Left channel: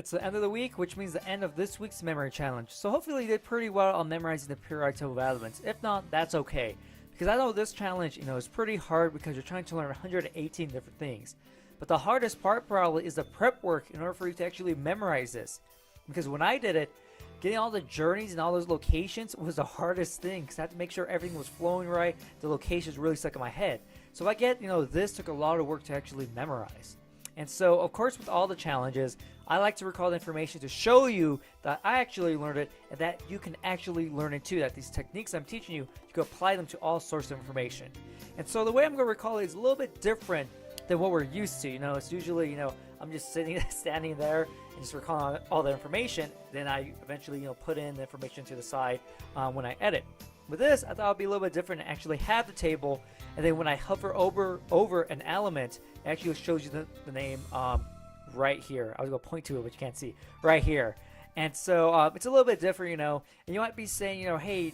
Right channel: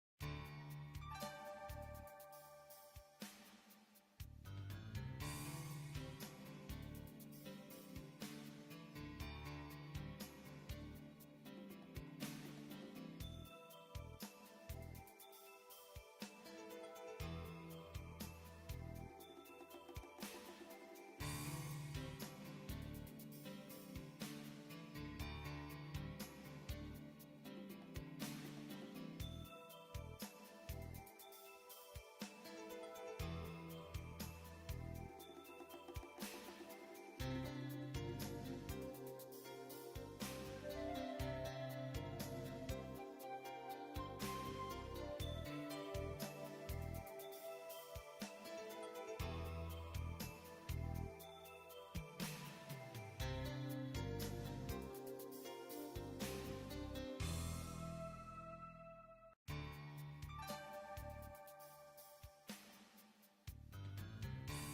It's the end of the week, which means the end of this week's memory challenge. So hopefully you did pretty well on memorizing the periodic table of elements. If not, that's okay. Because I know this challenge, is pretty hard because you're trying to learn 118 different things. But the hardest part probably is the prep work in order for you to actually memorize this. Because when I did it, getting all the journeys and all those locations was the hardest thing because I had to make sure everything was flowing right, the locations really stuck in my head. So I get, this took a lot of work to actually memorize. And so, of course, with all the challenges, I like to recall the information to show you that I actually learned it and that you can actually learn it too, that these techniques I'm teaching you, you can apply them to all sorts of information. And so the way I'm going to recall it is a little bit different than what we're used to. It's usually, I'm just standing there and just recalling all the information. Then I eventually, put in the information to the side when I edit. With this, I thought it would be a little bit different and actually have the table, and then when I hover over an element, it actually shows you the name right here. I was going to point to it, but you can't see. Right here. And so it's a little bit different, and you might be saying, hey,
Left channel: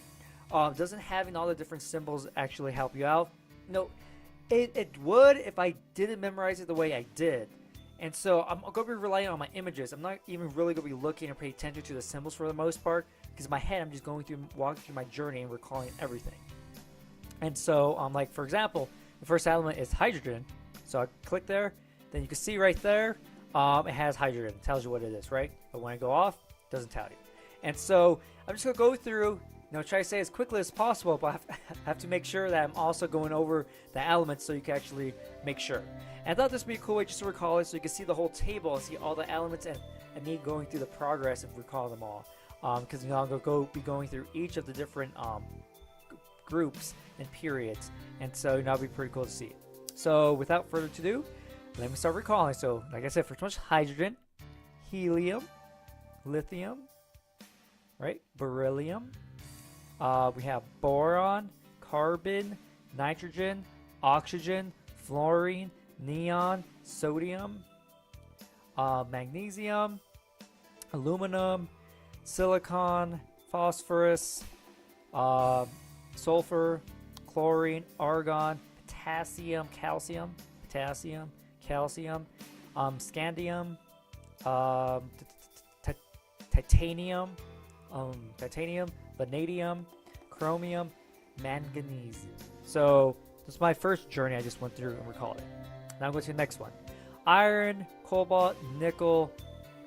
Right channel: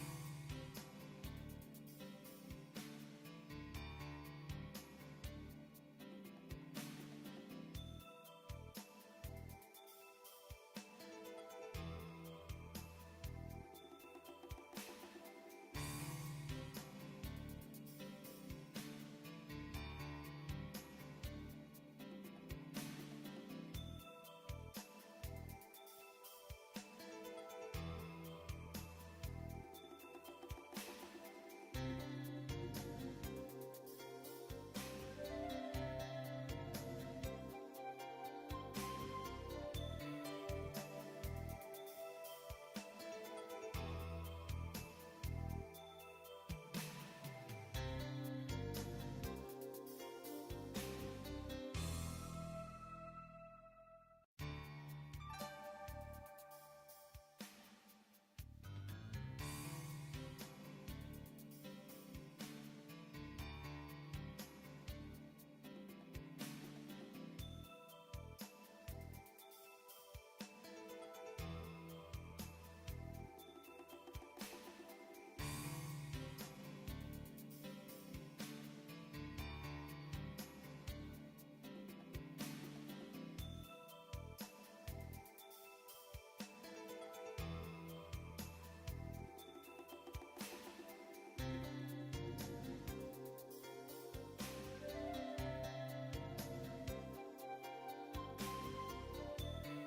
doesn't having all the different symbols actually help you out? It would if I didn't memorize it the way I did. And so I'm going to be relying on my images. I'm not even really going to be looking or paying attention to the symbols for the most part, because in my head I'm just walking through my journey and recalling everything. And so like for example, the first element is hydrogen. So I click there, then you can see right there, it has hydrogen. It tells you what it is, right? But when I go off, it doesn't tell you. And so I'm just going to go through, try to say as quickly as possible, but I have to make sure that I'm also going over the elements so you can actually make sure. And I thought this would be a cool way just to recall it so you can see the whole table and see all the elements and me going through the progress and recall them all. Because I'm going to be going through each of the different groups and periods. And so that'll be pretty cool to see. So without further ado, let me start recalling. So like I said, first one's hydrogen, helium, lithium, right? Beryllium. We have boron, carbon, nitrogen, oxygen, fluorine, neon, sodium, magnesium, aluminum, silicon, phosphorus, sulfur, chlorine, argon, potassium, calcium, scandium, titanium, vanadium, chromium, manganese. So this is my first journey I just went through and recall it. Now I'm going to the next one. Iron, cobalt, nickel,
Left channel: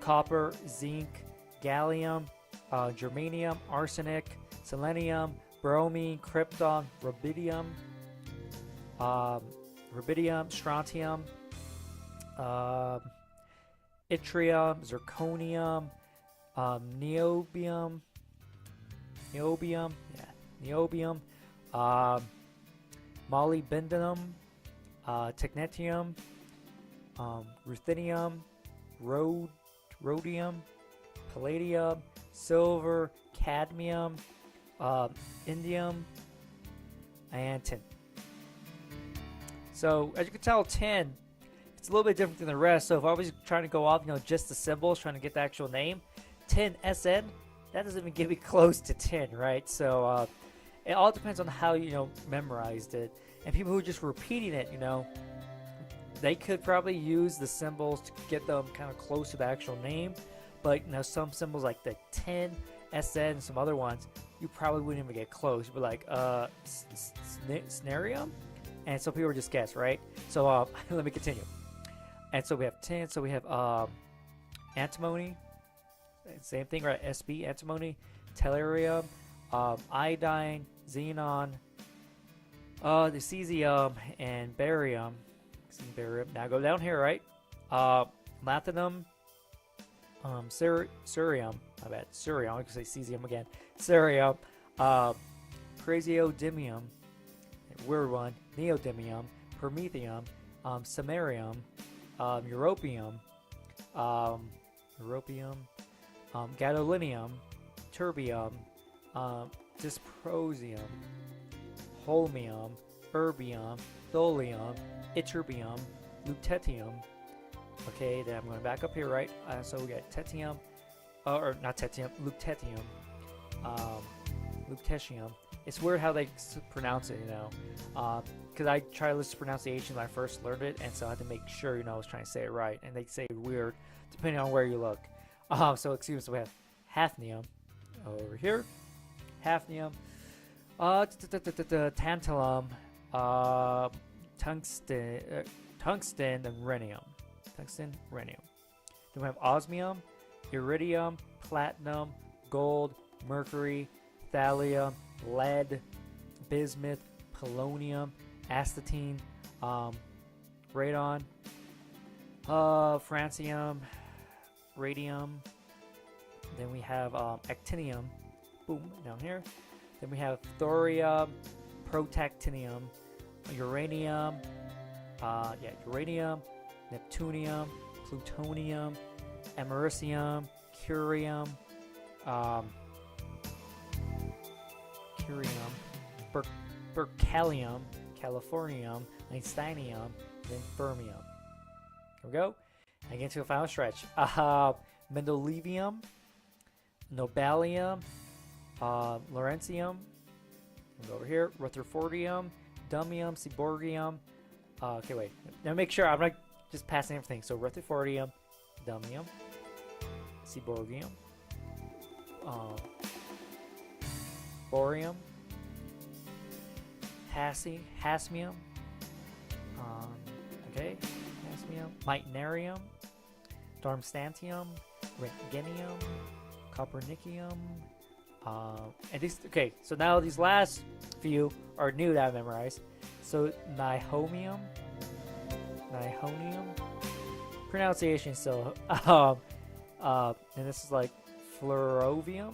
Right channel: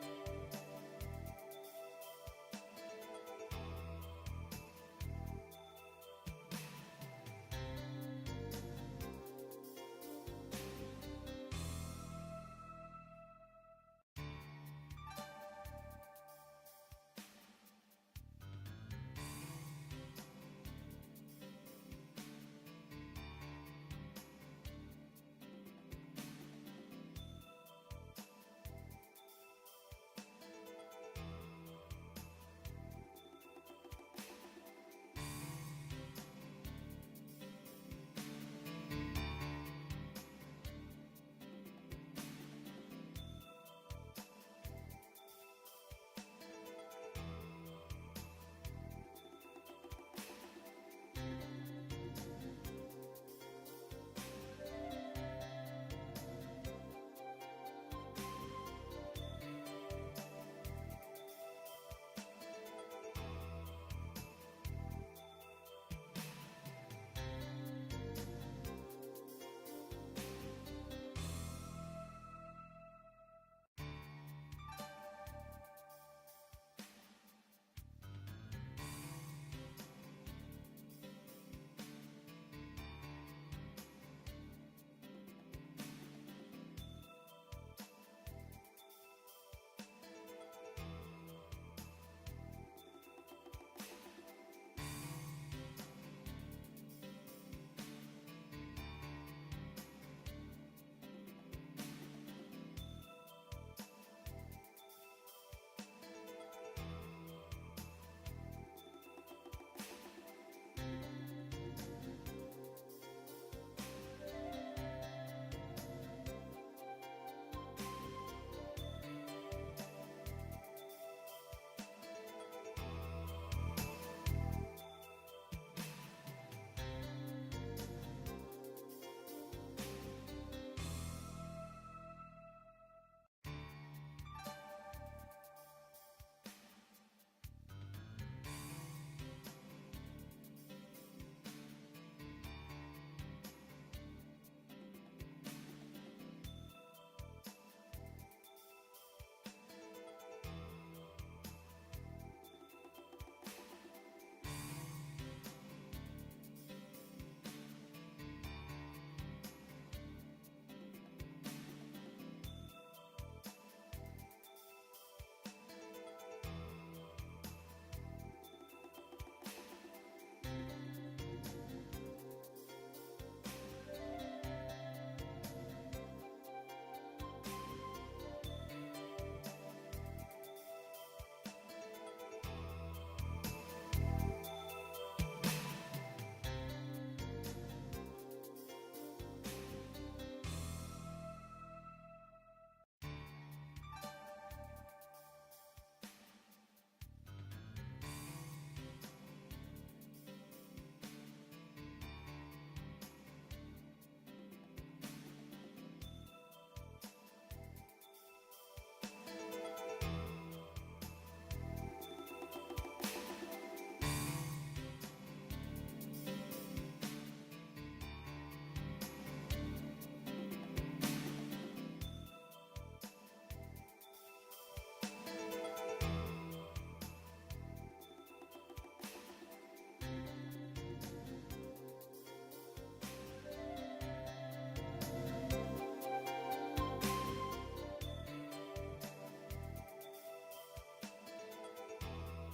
copper, zinc, gallium, germanium, arsenic, selenium, bromine, krypton, rubidium, strontium, yttrium, zirconium, niobium, molybdenum, technetium, ruthenium, rhodium, palladium, silver, cadmium, indium, and tin. So as you can tell, tin, it's a little bit different than the rest. So if I was trying to go off, just the symbols, trying to get the actual name, tin, SN, that doesn't even get me close to tin, right? So it all depends on how you memorized it. And people who are just repeating it, they could probably use the symbols to get them kind of close to the actual name. But some symbols like the tin, SN, some other ones, you probably wouldn't even get close. You'd be like, snarium? And so people would just guess, right? So let me continue. And so we have tin, so we have antimony, same thing, right? Sb, antimony, tellurium, iodine, xenon, the cesium, and barium. Now go down here, right? Platinum, cerium, cerium, I can say cesium again, cerium, praseodymium, weird one, neodymium, promethium, samarium, europium, gadolinium, terbium, dysprosium, holmium, erbium, thulium, ytterbium, lutetium. Okay, then I'm going back up here, right? So we got tetium, or not tetium, lutetium, lutetium. It's weird how they pronounce it, because I tried to listen to pronunciation when I first learned it, and so I had to make sure, I was trying to say it right, and they say it weird depending on where you look. So excuse me, so we have hafnium over here, hafnium, tantalum, tungsten, and rhenium. Tungsten, rhenium. Then we have osmium, iridium, platinum, gold, mercury, thallium, lead, bismuth, polonium, astatine, radon, francium, radium. Then we have actinium, boom, down here. Then we have thorium, protactinium, uranium, uranium, neptunium, plutonium, americium, curium, berkelium, californium, einsteinium, and fermium. Here we go. And get to a final stretch. Mendelevium, nobelium, lawrencium. Go over here. Rutherfordium, dummium, seaborgium. Okay, wait. Now make sure I'm not just passing everything. So Rutherfordium, dummium, seaborgium, borium, hasmium, okay, hasmium, meitnerium, darmstadtium, rentgenium, copernicium, and these. Okay, so now these last few are new that I memorized. So nihonium, pronunciation still, and this is like fluorovium,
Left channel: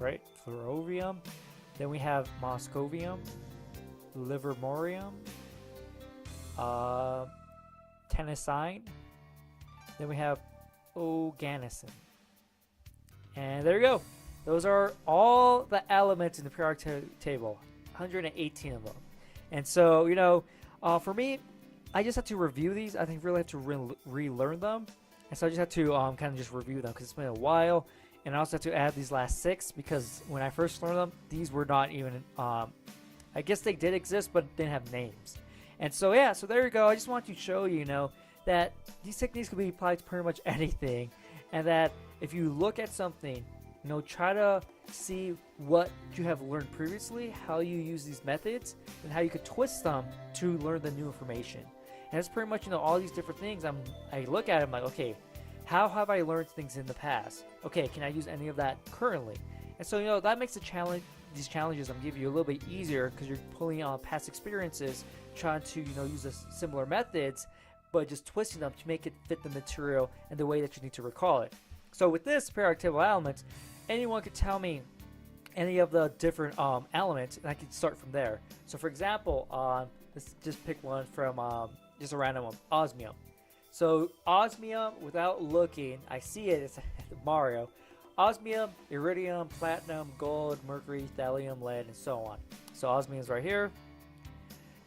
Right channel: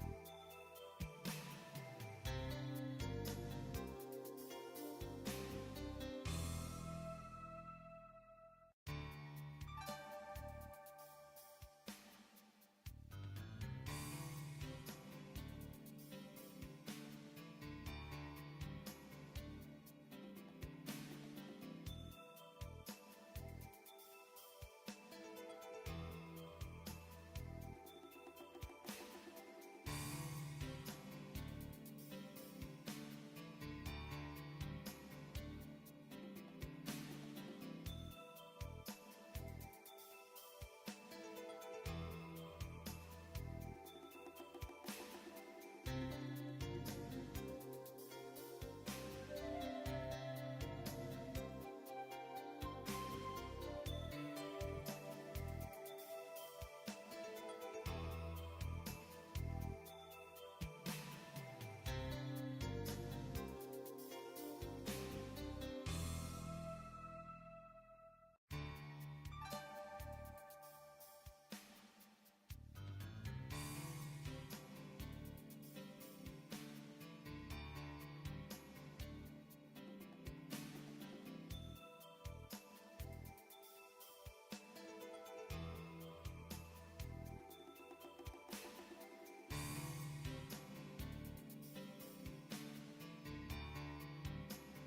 right? Fluorovium. Then we have moscovium, livermorium, tennessine. Then we have oganesson. And there you go. Those are all the elements in the periodic table, 118 of them. And so, you know, for me, I just have to review these. I think really have to relearn them. And so I just have to kind of just review them because it's been a while. And I also have to add these last 6 because when I first learned them, these were not even, I guess they did exist, but didn't have names. And so, yeah, so there you go. I just want to show you, you know, that these techniques can be applied to pretty much anything. And that if you look at something, you know, try to see what you have learned previously, how you use these methods, and how you could twist them to learn the new information. And it's pretty much, you know, all these different things. I look at them like, okay, how have I learned things in the past? Okay, can I use any of that currently? And so, you know, that makes the challenge, these challenges I'm giving you a little bit easier because you're pulling on past experiences, trying to, you know, use the similar methods, but just twisting them to make it fit the material and the way that you need to recall it. So with this periodic table elements, anyone could tell me any of the different elements, and I can start from there. So for example, let's just pick one from just a random one, osmium. So osmium, without looking, I see it, it's Mario. Osmium, iridium, platinum, gold, mercury, thallium, lead, and so on. So osmium is right here.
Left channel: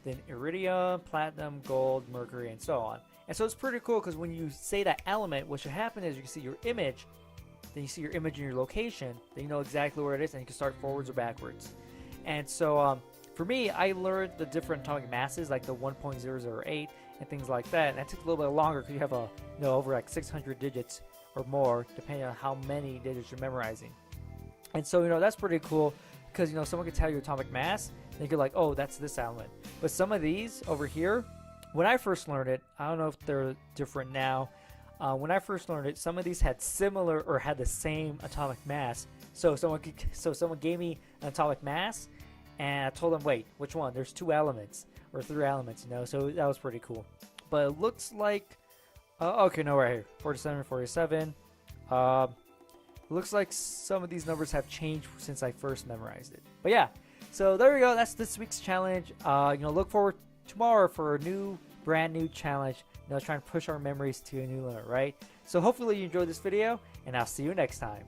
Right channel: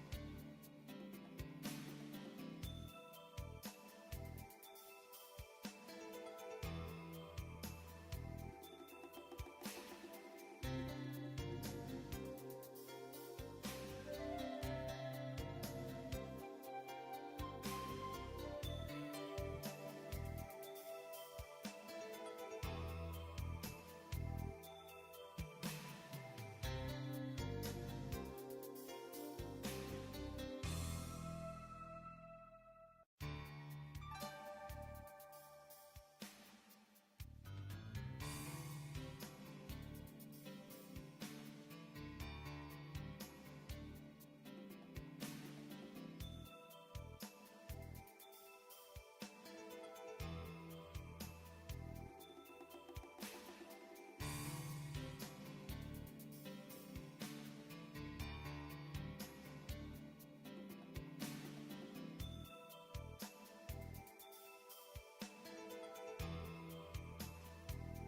Then iridium, platinum, gold, mercury, and so on. And so it's pretty cool because when you say that element, what should happen is you can see your image, then you see your image in your location, then you know exactly where it is, and you can start forwards or backwards. And so for me, I learned the different atomic masses, like the 1.008 and things like that. And that took a little bit longer because you have over like 600 digits or more, depending on how many digits you're memorizing. And so, you know, that's pretty cool because, you know, someone can tell you atomic mass, and you could like, oh, that's this element. But some of these over here, when I first learned it, I don't know if they're different now. When I first learned it, some of these had similar or had the same atomic mass. So someone gave me an atomic mass, and I told them, wait, which one? There's 2 elements or 3 elements, you know. So that was pretty cool. But it looks like, okay, no, right here, 47, 47. Looks like some of these numbers have changed since I first memorized it. But yeah, so there we go. That's this week's challenge. You know, look forward tomorrow for a brand new challenge. You know, trying to push our memories to a new limit, right? So hopefully you enjoyed this video, and I'll see you next time.